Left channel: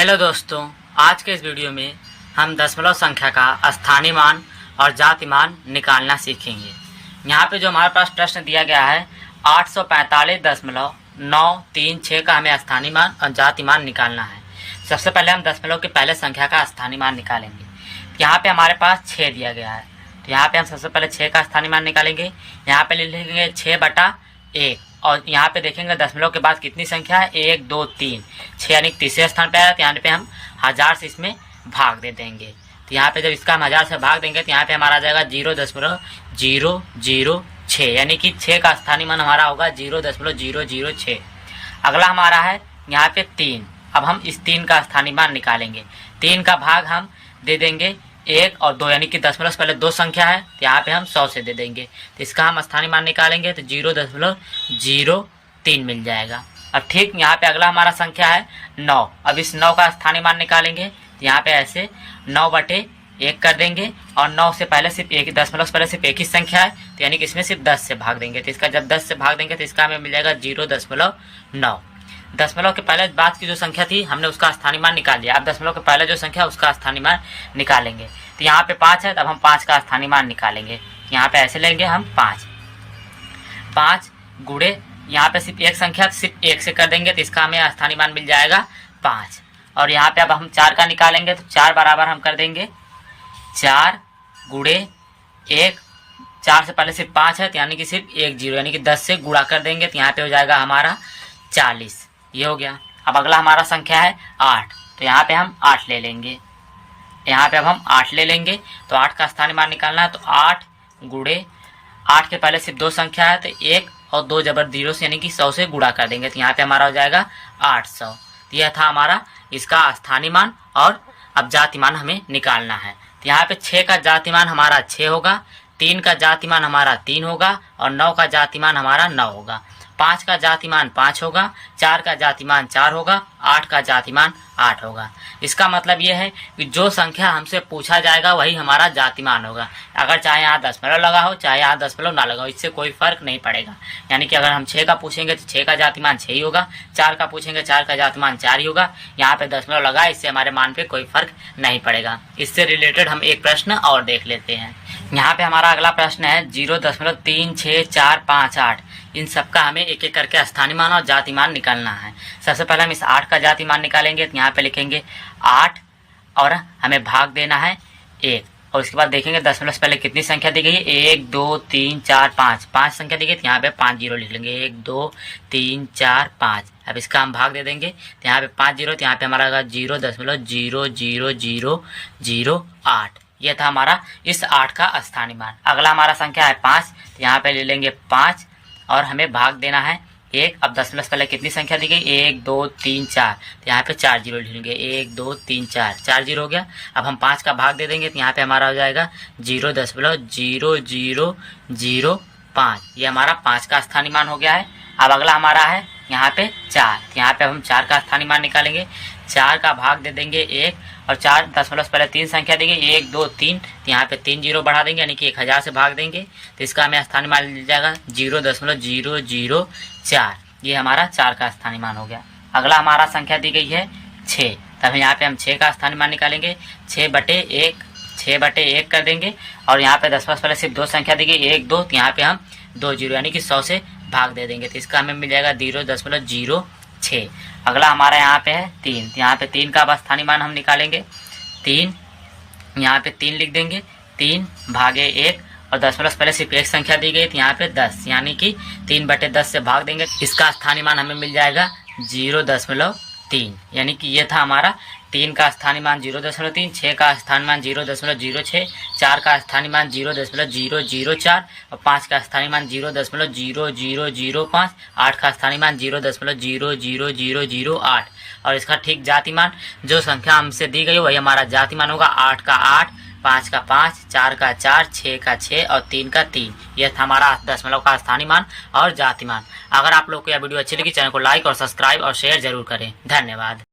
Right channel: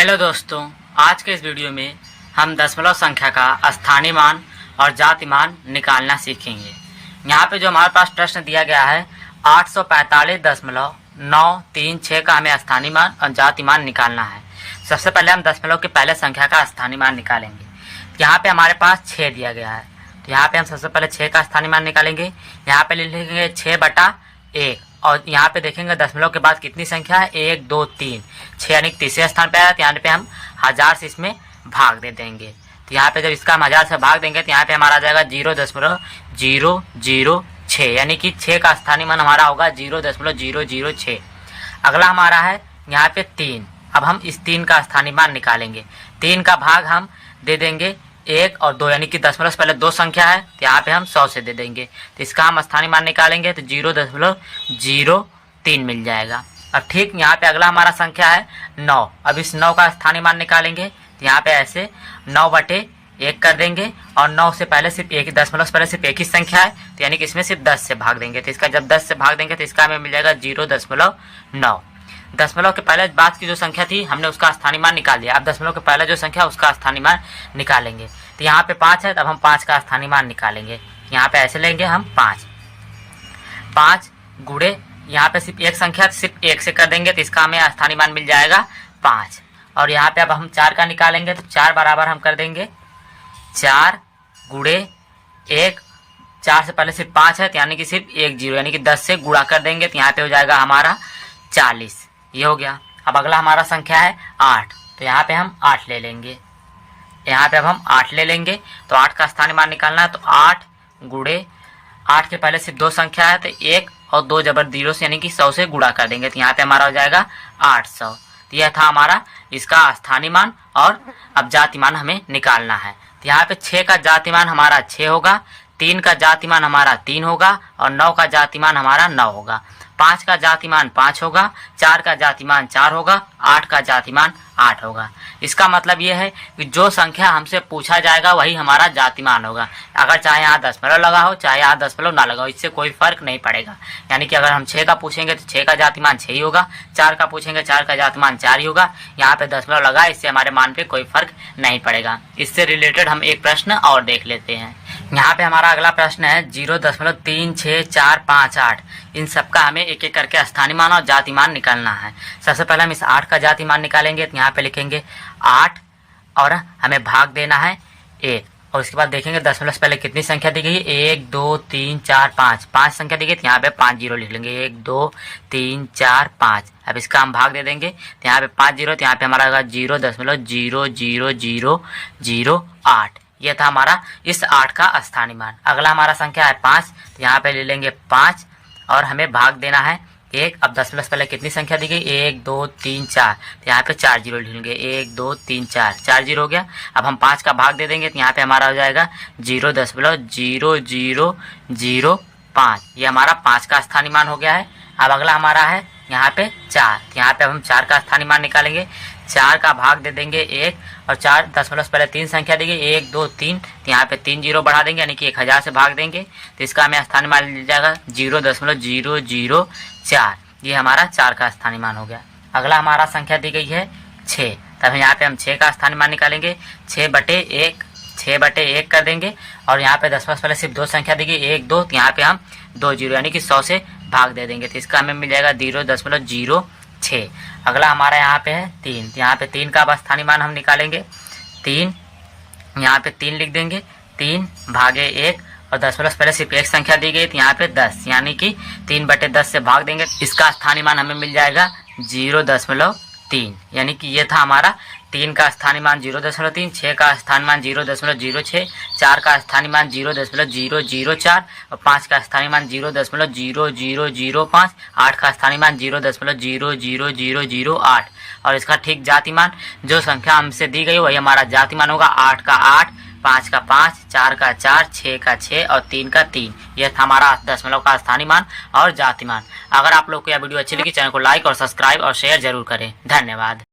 Hello दोस्तों, आज के इस वीडियो में हम दशमलव संख्या का स्थानीय मान और जाति मान निकालना सीखेंगे। यहाँ पे जो हमारे पास प्रश्न दिया गया है 845.936 का हमें स्थानीय मान और जाति मान निकालना है। सबसे पहले हम दशमलव के पहले संख्या का स्थानीय मान निकालेंगे। यहाँ पे हमारे पास 6 दिया गया है, तो यहाँ पे हम सबसे पहले 6 का स्थानीय मान निकालेंगे। यहाँ पे लिखेंगे 6/1 और यहाँ पे देखेंगे दशमलव के बाद कितनी संख्या है 1 2 3 6 यानी तीसरे स्थान पे आया, तो यहाँ पे हम 1000 से इसमें भाग दे देंगे। तो यहाँ पे जब इसका हम 1000 से भाग देंगे तो यहाँ पे हमारा आ जाएगा 0.006 यानी कि 6 का स्थानीय मान हमारा होगा 0.006। अगला हमारा है यहाँ पे 3। अब हम इस 3 का स्थानीय मान निकालेंगे। 3 का भाग हम दे देंगे 1 और 2 यानी कि दशमलव से पहले 2 संख्या है, तो यहाँ पे हम 100 से दे देंगे। तो इसका हम स्थानीय मान निकालेंगे तो 0.03 मिल जाएगा। अब ठीक यहाँ पे अगला हमारा संख्या है 9। अब इस 9 का स्थानीय मान निकालेंगे, तो यहाँ पे ऐसे 9/1 कर देंगे और 9 से पहले सिर्फ एक दशमलव से पहले सिर्फ एक ही संख्या है, तो यानी कि इसमें सिर्फ 10 से भाग देंगे। तो इसका जब 10 से भाग देंगे तो इसका हमें मिल जाएगा 0.9। दशमलव के पहले बाद की जो संख्या थी हमने उसका स्थानीय मान निकाल लिया। अब दशमलव के पहले जो संख्या उसका स्थानीय मान निकालेंगे। तो यहाँ पे 5 है, तब हम 5 का स्थानीय मान निकालेंगे। यहाँ पे ऐसे लेंगे हम 5 गुणे यहाँ पे सिर्फ एक संख्या सिर्फ 1 से कर देंगे, तो इसका हमें स्थानीय मान मिल जाएगा 5। और यहाँ पे अब हम 4 का निकालेंगे, तो 4 बराबर हम कर देंगे 4 गुणे 1। 4 से पहले सिर्फ 5 है, तो यानी कि सिर्फ 1 0 यानी कि 10 से गुणा कर देंगे, तो यहाँ पे हो जाएगा हमारा 40। ये हो गया। अब अगला हमारा संख्या है 8, तो यहाँ पे हम 8 ले लेंगे। यहाँ पे अब हम 8 ले लेंगे, तो 8 का स्थानीय मान निकालना है, तो 8 गुणे 8 के पहले सिर्फ 2 संख्या है, तो 1 और 2 जबर 0 से यानी कि 100 से गुणा कर देंगे, तो यहाँ पे हमारा हो जाएगा 800। तो यह था हमारा इसका स्थानीय मान और अब जाति मान हमें निकालना है। तो यहाँ पे 6 का जाति मान हमारा 6 होगा, 3 का जाति मान हमारा 3 होगा और 9 का जाति मान हमारा 9 होगा। 5 का जाति मान 5 होगा, 4 का जाति मान 4 होगा, 8 का जाति मान 8 होगा। इसका मतलब ये है कि जो संख्या हमसे पूछा जाएगा वही हमारा जाति मान होगा। अगर चाहे यहाँ दशमलव लगा हो चाहे यहाँ दशमलव ना लगा हो, इससे कोई फर्क नहीं पड़ेगा। यानी कि अगर हम 6 का पूछेंगे तो 6 का जाति मान 6 ही होगा, 4 का पूछेंगे 4 का जाति मान 4 ही होगा। यहाँ पे दशमलव लगा, इससे हमारे मान पे कोई फर्क नहीं पड़ेगा। इससे रिलेटेड हम एक प्रश्न और देख लेते हैं। यहाँ पे हमारा अगला प्रश्न है 0.36458। इन सबका हमें एक एक करके स्थानीय मान और जाति मान निकालना है। सबसे पहले हम इस 8 का जाति मान निकालेंगे, तो यहाँ पे लिखेंगे 8 और हमें भाग देना है 1 और उसके बाद देखेंगे दशमलव से पहले कितनी संख्या दी गई है 1 2 3 4 5 संख्या दी गई, तो यहाँ पे 5 0 लिख लेंगे 1 2 3 4 5। अब इसका हम भाग दे देंगे, तो यहाँ पे 5 0, तो यहाँ पे हमारा होगा 0.00008। यह था हमारा इस 8 का स्थानीय मान। अगला हमारा संख्या है 5, तो यहाँ पे ले लेंगे 5 और हमें भाग देना है 1। अब दशमलव से पहले कितनी संख्या दी गई 1 2 3 4, तो यहाँ पे 4 0 लिखेंगे 1 2 3 4 0 हो गया। अब हम 5 का भाग दे देंगे, तो यहाँ पे हमारा हो जाएगा 0.0005। ये हमारा 5 का स्थानीय मान हो गया है। अब अगला हमारा है यहाँ पे 4, यहाँ पे हम 4 का स्थानीय मान निकालेंगे। 4 का भाग दे देंगे 1 और 4 दशमलव से पहले 3 संख्या दी गई 1 2 3, तो यहाँ पे 3 0 बढ़ा देंगे यानी कि 1000 से भाग देंगे, तो इसका हमें स्थानीय मान मिल जाएगा 0.004। ये हमारा 4 का स्थानीय मान हो गया। अगला हमारा संख्या दी गई है 6, तब यहाँ पे हम 6 का स्थानीय मान निकालेंगे। 6/1 कर देंगे और यहाँ पे दशमलव से पहले सिर्फ 2 संख्या दी गई 1 2, तो यहाँ पे हम 2 0 यानी कि 100 से भाग दे देंगे, तो इसका हमें मिल जाएगा 0.06। अगला हमारा यहाँ पे है 3, तो यहाँ पे 3 का स्थानीय मान हम निकालेंगे। 3 यहाँ पे 3 लिख देंगे, 3/1 और दशमलव से पहले सिर्फ एक संख्या दी गई, तो यहाँ पे 10 यानी कि 3/10 से भाग देंगे, इसका स्थानीय मान हमें मिल जाएगा 0.3। यानी कि ये था हमारा 3 का स्थानीय मान 0.3, 6 का स्थानीय मान 0.06, 4 का स्थानीय मान 0.004 और 5 का स्थानीय मान 0.0005, 8 का स्थानीय मान 0.00008 और इसका ठीक जाति मान जो संख्या हमसे दी गई वही हमारा जाति मान होगा। 8 का 8, 5 का 5, 4 का 4, 6 का 6 और 3 का 3। यह था हमारा दशमलव का स्थानीय मान और जाति मान। अगर आप लोग को यह वीडियो अच्छी लगी, चैनल को लाइक और सब्सक्राइब और शेयर जरूर करें। धन्यवाद।